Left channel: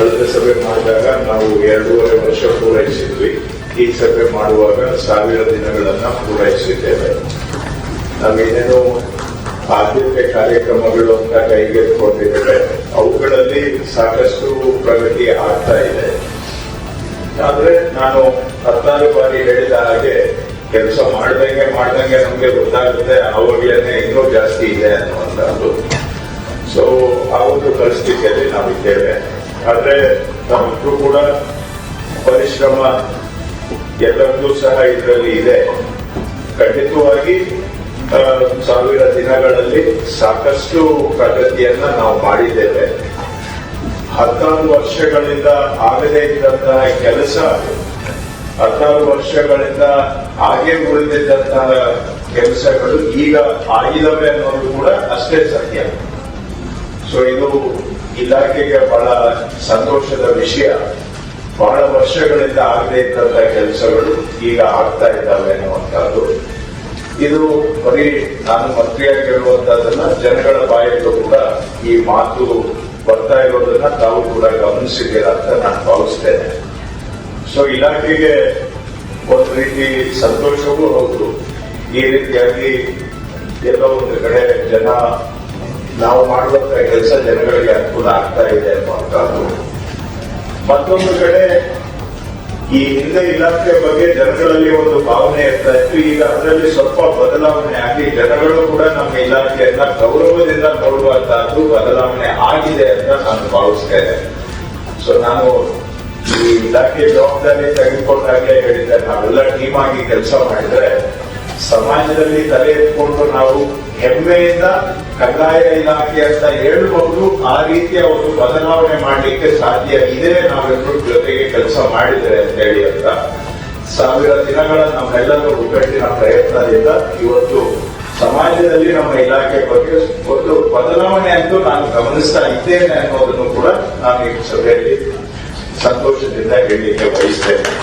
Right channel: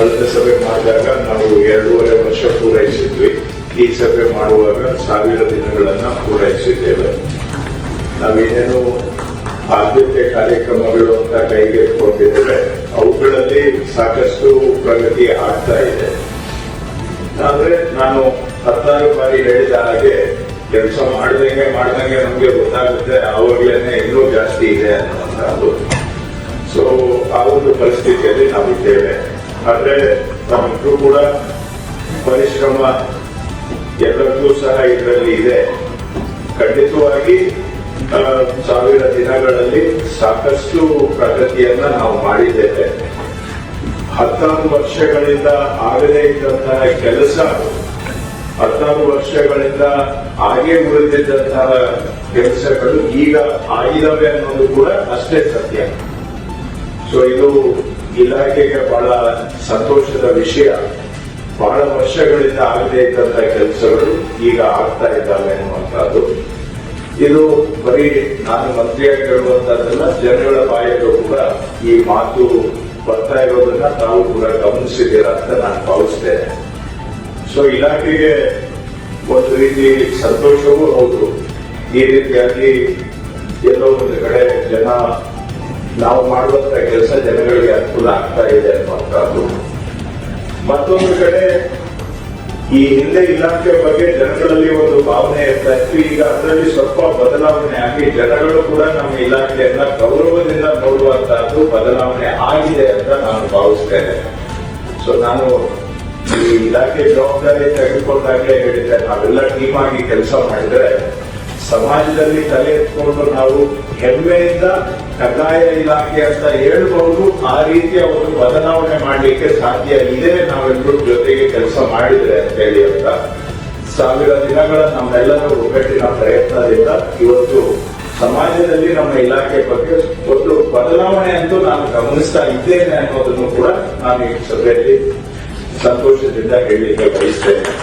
ಕಳೆದ ಸಭೆ ಮಾಡಿದಾಗ ನಾವು 2.5 ವರ್ಷ ಪೂರೈಸಿದ್ವಿ. ಈ ಸಭೆ ಮಾಡುವಾಗ 1000 ದಿನಗಳನ್ನ ಪೂರೈಸಿದ್ದೇವೆ. ನಾವೇನೇನು ಆದ್ಯತೆ ಕಾರ್ಯಕ್ರಮಗಳು ಅಂತ ಕೈಗೆತ್ತಿಕೊಂಡಿದ್ದೇವೆ, ಅವುಗಳಲ್ಲಿ ಸಾಕಷ್ಟು ಪ್ರಗತಿ ಆಗ್ತಾ ಇದೆ. ಆದ್ರೆ ನಾನು 14 ಬಾರಿ ಹೇಳಿದ ಹಾಗೆ ಕೆಲಸ ಮಾಡ್ದಂಗೆ ನಮ್ಗೆ ಗೊತ್ತಾಗುತ್ತೆ ಅವಾಗ್ಲೇನೆ ಇನ್ನೂ ಜಾಸ್ತಿ ಇದೆ ಅನ್ನುವಂಥದ್ದು. ಸೊ ಆ ಒಂದು ಪರಿಸ್ಥಿತಿಯಲ್ಲಿ ನಾವಿದ್ದೇವೆ. ಆದ್ರೆ ನಮ್ಮಿಗೂ ಕೂಡ ಪರಿಶ್ರಮ ಎಲ್ಲರಿಗೂ ಸಹ ಇದರಲ್ಲಿ ಇದೆ. ಖಂಡಿತವಾಗಿ 1000 ದಿನಗಳಲ್ಲಿ ಸಾಕಷ್ಟು ಪ್ರಗತಿಯನ್ನ ನಾವು ಮಾಡಿದ್ದೇವೆ. 16 ವರ್ಷಗಳಿಂದ ಆಗದೇ ಇದ್ದಂತಹ ಕೆಲಸ 16 ವರ್ಷಗಳಿಂದ ಹಾಗೆ ಉಳಿದಿದ್ದಂತಹ ಕೆಲಸಗಳು ಈಗ ಆಗಿದವೆ ಅನ್ನೋದು ಕೂಡ ಅಷ್ಟೇ ಸತ್ಯ. ಸೊ ಇದು ಇಲಾಖೆಗೆ ಬಹಳ ಸಂತೋಷದ ವಿಷಯ. ಬಹಳ ವರ್ಷಗಳಿಂದ ಆಗದೇ ಇದ್ದಂತಹ ಕೆಲಸಗಳು ಈಗ ಆಗ್ತಾ ಇದ್ದಾವೆ ಅನ್ನುವಂಥದ್ದು. ಇದು ಬರೀ ನಾನು ಮಂತ್ರಿಯಾಗಿ ಹೇಳುವಂತಹದ್ದನ್ನ ಜನಗಳ ಬಾಯಲ್ಲೂ ಕೂಡ ಈ ಮಾತು ಬರ್ತಾ ಇರೋದನ್ನ ತಾವು ಕೂಡ ಗಮನಿಸಿದ್ದೀರಾ ಅಂತ ನಾನು ಭಾವಿಸ್ತೇನೆ. ಸೊ ಇಲಾಖೆಗೆ ಒಂದು ರೀತಿ ಸಂತೋಷವೂ ಹೌದು. ಈ ರೀತಿಯಾಗಿ ಎಲ್ಲೋ ಒಂದು ಕಡೆ ನಾವು ಮಾಡುವಂತ ಕೆಲಸ ಜನಗಳಿಗೆ ಅನುಕೂಲ ಆಗ್ತಾ ಇದೆ ಅನ್ನುವಂಥದ್ದು. ಮತ್ತೊಂದು ಕಡೆ ಈ ಹಿಂದೆ ಇಲಾಖೆಯ ಬಗ್ಗೆ ಜನಗಳಲ್ಲಿ ಒಂದು ಭಾವನೆ ಇರ್ತಾ ಇತ್ತು. ಈಗ ಅದರಲ್ಲಿ ಸ್ವಲ್ಪ ಬದಲಾವಣೆ ಆಗಿ ಜನಗಳು ಕೂಡ ನಮ್ಮ ಇಲಾಖೆಯನ್ನ ಗೌರವದಿಂದ ನೋಡುವಂತಹದ್ದು ಬದಲಾವಣೆ ಆಗಿದೆ ಅಂತ ನಾನು ಭಾವಿಸ್ತೇನೆ. ಸೊ ನಾನು ಈ ಇಲಾಖೆ ಜವಾಬ್ದಾರಿ ತೆಗೆದುಕೊಂಡಾಗೆ ಹೇಳಿದ್ದೆ, ನಾವೆಲ್ಲ ಟೀಮ್ ಆಗಿ ಕೆಲಸ ಮಾಡಿದ್ರೆ ಸಮಾಜದಲ್ಲಿ ತಲೆ ಎತ್ಕೊಂಡು ನಾವು ಹೆಮ್ಮೆಯಿಂದ ಕಂದಾಯ ಇಲಾಖೆ ಅಂತ ಹೇಳ್ಕೊಂಡು ಆ ರೀತಿಯ ಒಂದು ಬದಲಾವಣೆ ಮಾಡಲಿಕ್ಕೆ ಸಾಧ್ಯ ಇದೆ ನಾವೆಲ್ಲರೂ ಜೊತೆಗೆ ಕೆಲಸ ಮಾಡಿದ್ರೆ ಅಂತ ಹೇಳಿ ಅಂತ 1000 ದಿನಗಳ ನಮ್ಮೆಲ್ಲರ ಒಗ್ಗಟ್ಟಿನ ಪ್ರಯತ್ನದಿಂದ ಇವತ್ತು ಸಮಾಜದಲ್ಲಿ ನಮ್ಮ ಇಲಾಖೆ ಬಗ್ಗೆ ಒಂದು ಬದಲಾವಣೆ ಅಂತೂ ನಾನು ಗಮನಿಸ್ತಾ ಇದ್ದೇನೆ ಅನ್ನೋದನ್ನು ಕೂಡ ನಾನು ಈ ಸಭೆಯಲ್ಲಿ ಸಂತೋಷದಿಂದ ಹೇಳಲಿಕ್ಕೆ ಬಯಸ್ತೇನೆ.